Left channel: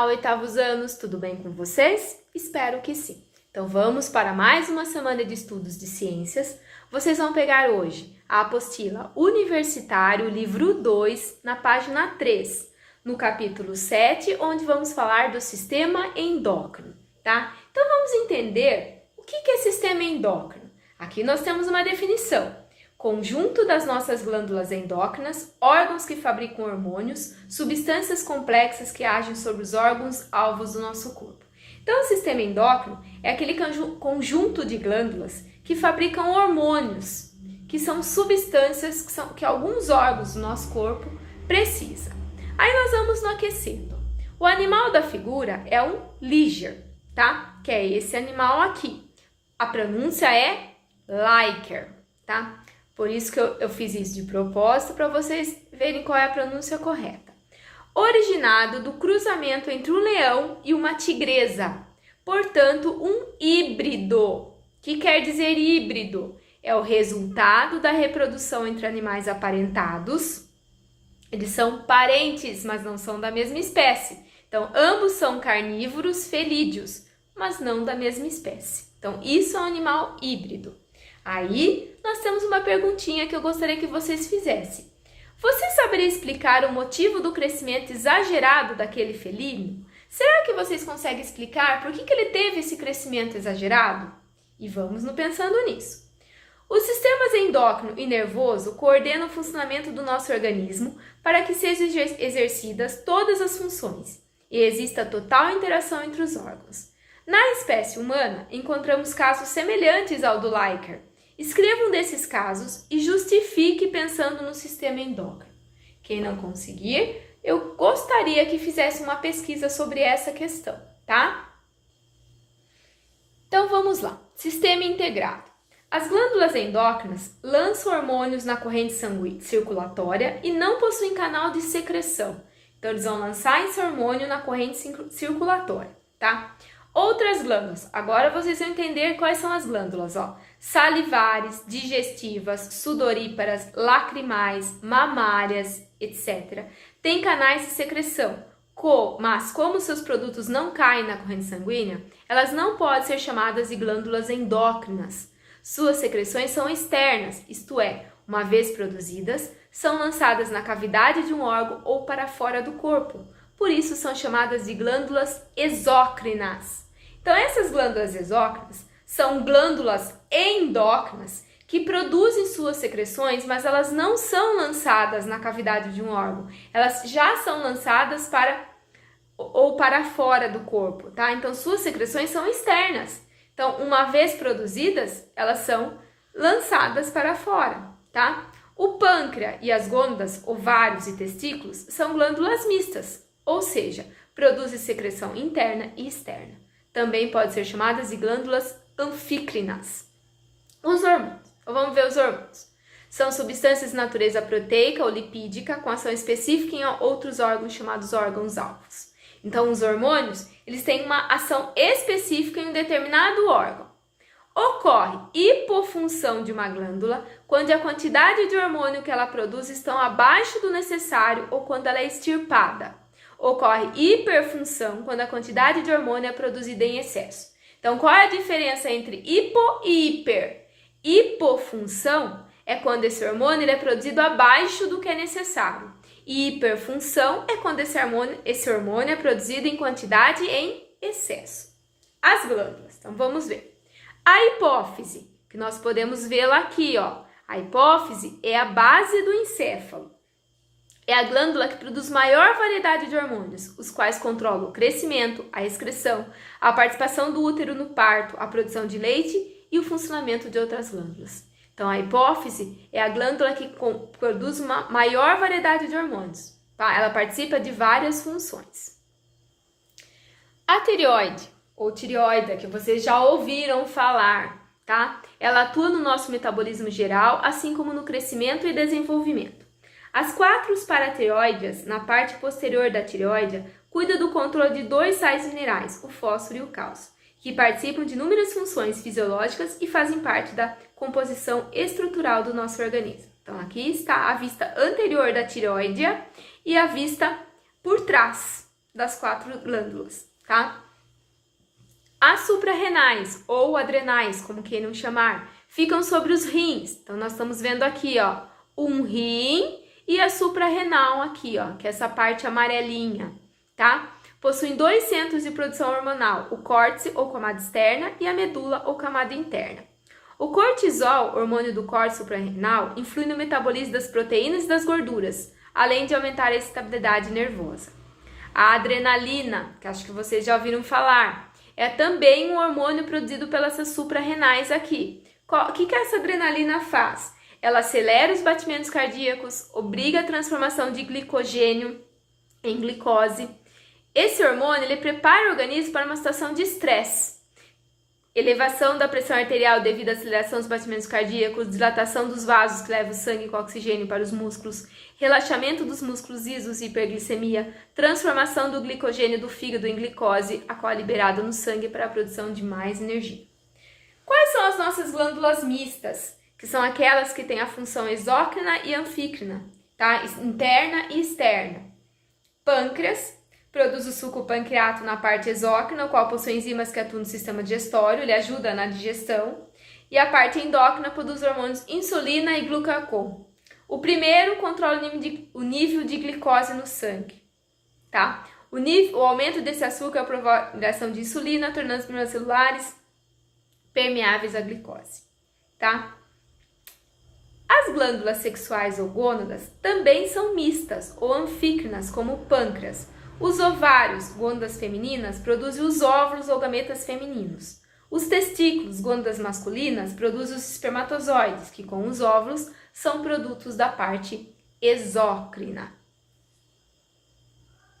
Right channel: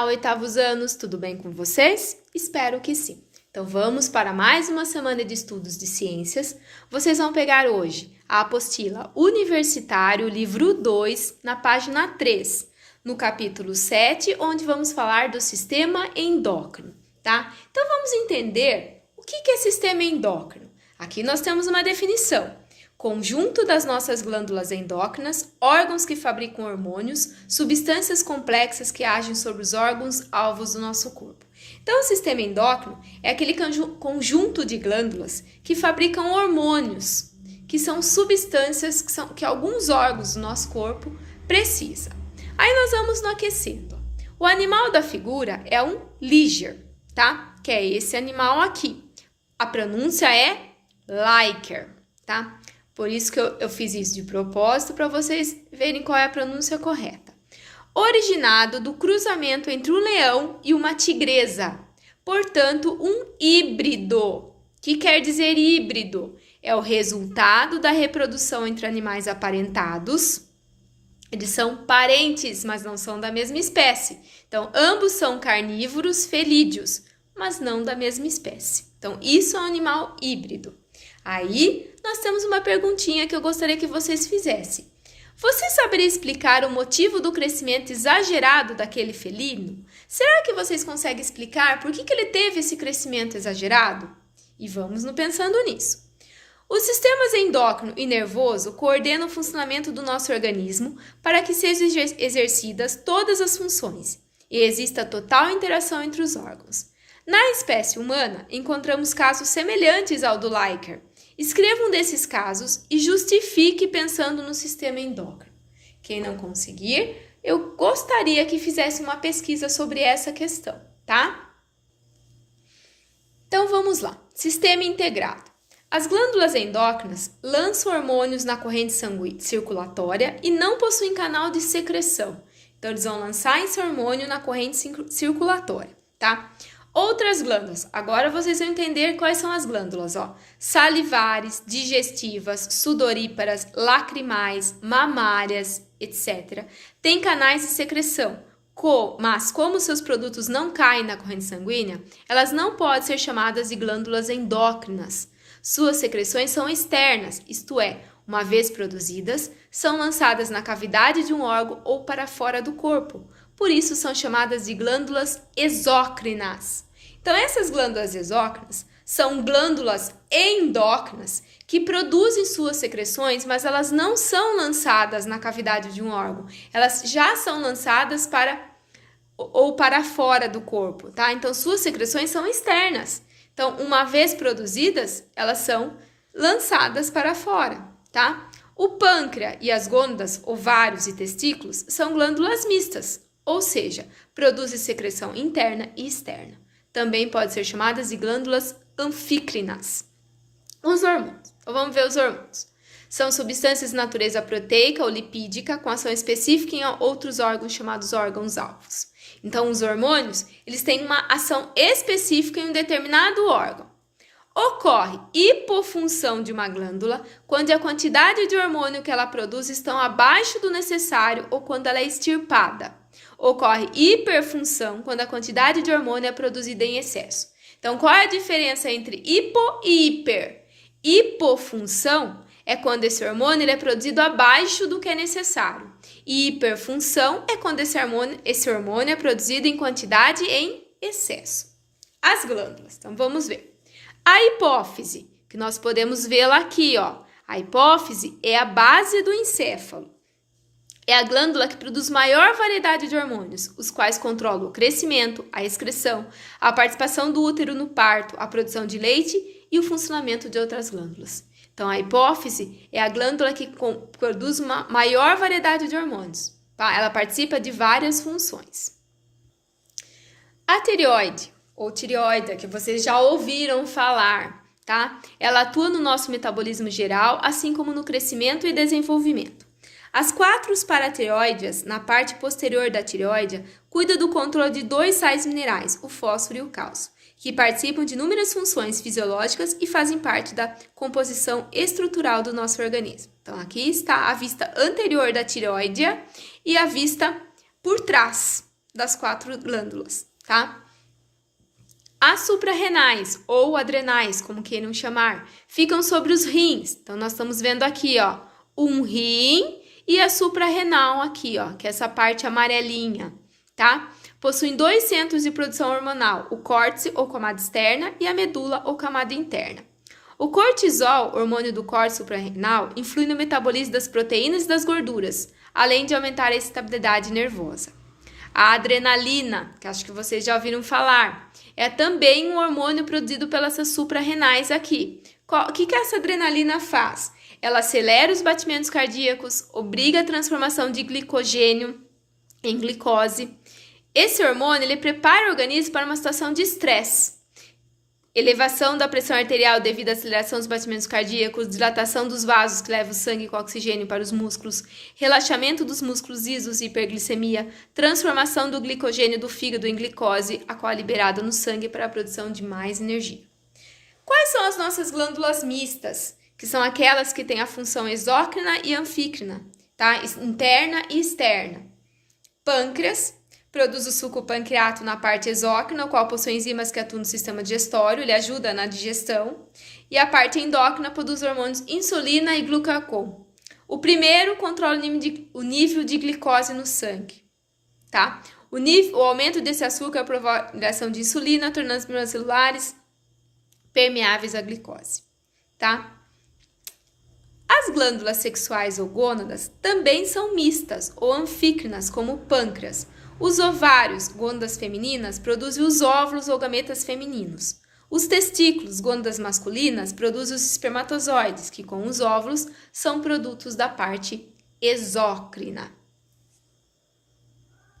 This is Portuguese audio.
Olá, oitavos anos, tudo bem com vocês? Espero que sim. Então vamos para mais uma semana de estudos de ciências. Vocês vão pegar hoje a apostila Universitário, livro 2, na página 3, no capítulo 7, onde vamos falar do sistema endócrino, tá? Então vamos entender o que é sistema endócrino. Aqui nós temos uma definição. Conjunto das nossas glândulas endócrinas, órgãos que fabricam hormônios, substâncias complexas que agem sobre os órgãos-alvos do nosso corpo. Então, o sistema endócrino é aquele conjunto de glândulas que fabricam hormônios, que são substâncias que alguns órgãos do nosso corpo precisam. Aí nós vamos no aquecendo. O animal da figura é um liger, tá? Que é esse animal aqui. A pronúncia é liker, tá? Por isso que eu fiz isso de propósito, para vocês verem qual é a pronúncia correta. Originado do cruzamento entre um leão e uma tigresa. Portanto, um híbrido. O que quer dizer híbrido? É o resultado da reprodução entre animais aparentados. Eles são parentes, mas não são da mesma espécie. Então, ambos são carnívoros felídeos, mas não da mesma espécie. Então, isso é um animal híbrido. Aí, nós temos uma perguntinha que eu gostaria que vocês fizessem. Você saberia explicar o motivo do crescimento exagerado daquele felino? Será que vocês conseguem explicar por que ele teve esse crescimento exagerado? E vamos no pensando nisso. Os sistemas endócrino e nervoso coordenam o funcionamento do nosso organismo para que sejam exercidas todas as funções e exista total interação entre os órgãos. Na espécie humana, encontramos casos semelhantes ao do Liker. Escreva um desses casos e justifique pensando no sistema endócrino. Quem não conseguir, eu gostaria que fizesse uma pesquisa sobre essa questão, tá? Então vamos lá. Sistema integrado. As glândulas endócrinas lançam hormônios na corrente circulatória e não possuem canal de secreção. Então eles vão lançar esse hormônio na corrente circulatória, tá? Outras glândulas, agora vocês vão entender quais são as glândulas, ó. Salivares, digestivas, sudoríparas, lacrimais, mamárias, etc. Tem canais de secreção, mas como seus produtos não caem na corrente sanguínea, elas não podem ser chamadas de glândulas endócrinas. Suas secreções são externas, isto é, uma vez produzidas, são lançadas na cavidade de um órgão ou para fora do corpo. Por isso são chamadas de glândulas exócrinas. Então, essas glândulas exócrinas são glândulas endócrinas que produzem suas secreções, mas elas não são lançadas na cavidade de um órgão. Elas já são lançadas para fora do corpo, tá? Então, suas secreções são externas. Então, uma vez produzidas, elas são lançadas para fora, tá? O pâncreas e as gônadas, ovários e testículos são glândulas mistas. Ou seja, produzem secreção interna e externa. Também podem ser chamadas de glândulas anfícrinas. Os hormônios. Vamos ver os hormônios. São substâncias de natureza proteica ou lipídica com ação específica em outros órgãos chamados órgãos-alvos. Então, os hormônios, eles têm uma ação específica em um determinado órgão. Ocorre hipofunção de uma glândula quando a quantidade de hormônio que ela produz estão abaixo do necessário ou quando ela é extirpada. Ocorre hiperfunção quando a quantidade de hormônio é produzida em excesso. Então, qual é a diferença entre hipo e hiper? Hipofunção é quando esse hormônio é produzido abaixo do que é necessário. E hiperfunção é quando esse hormônio é produzido em quantidade em excesso. As glândulas, então vamos ver. A hipófise, que nós podemos vê-la aqui, ó. A hipófise é a base do encéfalo. É a glândula que produz maior variedade de hormônios, os quais controlam o crescimento, a excreção, a participação do útero no parto, a produção de leite e o funcionamento de outras glândulas. Então, a hipófise é a glândula que produz uma maior variedade de hormônios, tá? Ela participa de várias funções. A tireoide, ou tireoide, que vocês já ouviram falar, tá? Ela atua no nosso metabolismo geral, assim como no crescimento e desenvolvimento. As 4 paratireoides, na parte posterior da tireoide, cuidam do controle de 2 sais minerais, o fósforo e o cálcio, que participam de inúmeras funções fisiológicas e fazem parte da composição estrutural do nosso organismo. Então, aqui está a vista anterior da tireoide e a vista por trás, das 4 glândulas, tá? As suprarrenais, ou adrenais, como queiram chamar, ficam sobre os rins. Então, nós estamos vendo aqui, ó, um rim e a suprarrenal aqui, ó, que é essa parte amarelinha, tá? Possuem 2 centros de produção hormonal, o córtex, ou camada externa, e a medula, ou camada interna. O cortisol, hormônio do córtex suprarrenal, influi no metabolismo das proteínas e das gorduras, além de aumentar a excitabilidade nervosa. A adrenalina, que acho que vocês já ouviram falar, é também um hormônio produzido pelas suprarrenais aqui. O que essa adrenalina faz? Ela acelera os batimentos cardíacos, obriga a transformação de glicogênio em glicose. Esse hormônio ele prepara o organismo para uma situação de estresse. Elevação da pressão arterial devido à aceleração dos batimentos cardíacos, dilatação dos vasos que levam o sangue com oxigênio para os músculos, relaxamento dos músculos lisos e hiperglicemia, transformação do glicogênio do fígado em glicose, a qual é liberada no sangue para a produção de mais energia. Quais são as nossas glândulas mistas? Que são aquelas que têm a função exócrina e anfícrina, tá? Interna e externa. Pâncreas produz o suco pancreato na parte exócrina, o qual possui enzimas que atuam no sistema digestório, ele ajuda na digestão. E a parte endócrina produz hormônios insulina e glucagon. O primeiro controla o nível de glicose no sangue, tá? O aumento desse açúcar provoca a liberação de insulina, tornando as membranas celulares permeáveis à glicose, tá? As glândulas sexuais ou gônadas também são mistas ou anfícrinas, como o pâncreas. Os ovários, gônadas femininas, produzem os óvulos ou gametas femininos. Os testículos, gônadas masculinas, produzem os espermatozoides, que com os óvulos são produtos da parte exócrina.